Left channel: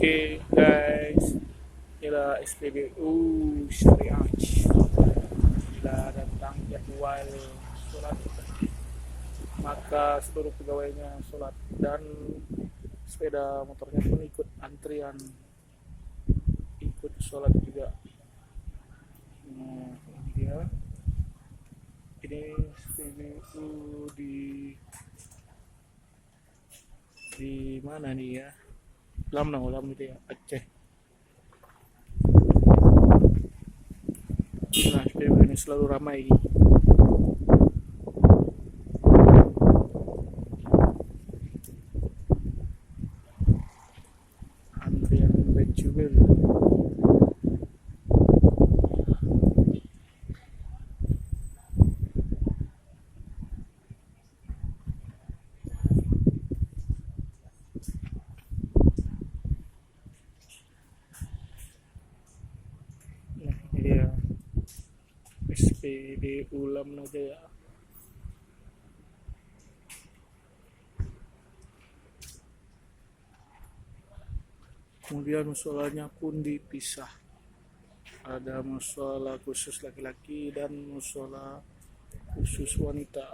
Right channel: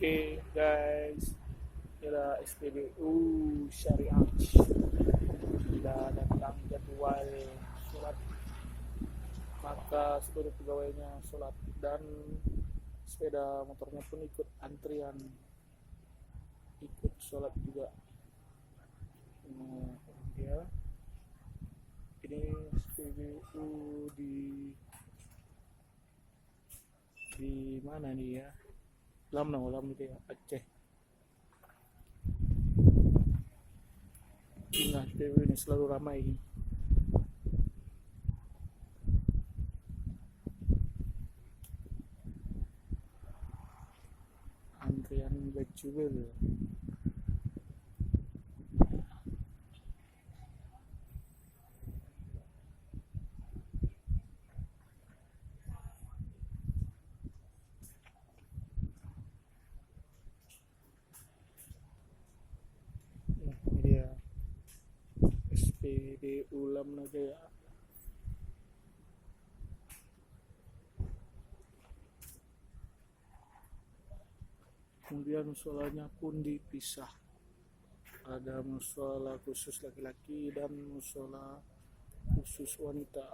Oke guys, inilah SPBU Syariah. Bila datang jadwal sholat, maka seluruh pegawainya sholat dan sepeda motornya pun ikut antrian, ikut sholat juga. Nah, ini dia. Ini SPBU di mana nih ya? Ulam itu ya, Aceh. Nah, SPBU ini selalu ramai. Antrian Becubel. Nah, ini dia SPBU Ulam aja ya. Kemudian musolanya pun dipisah. Ada musola khusus laki-laki dan musola khusus wanita.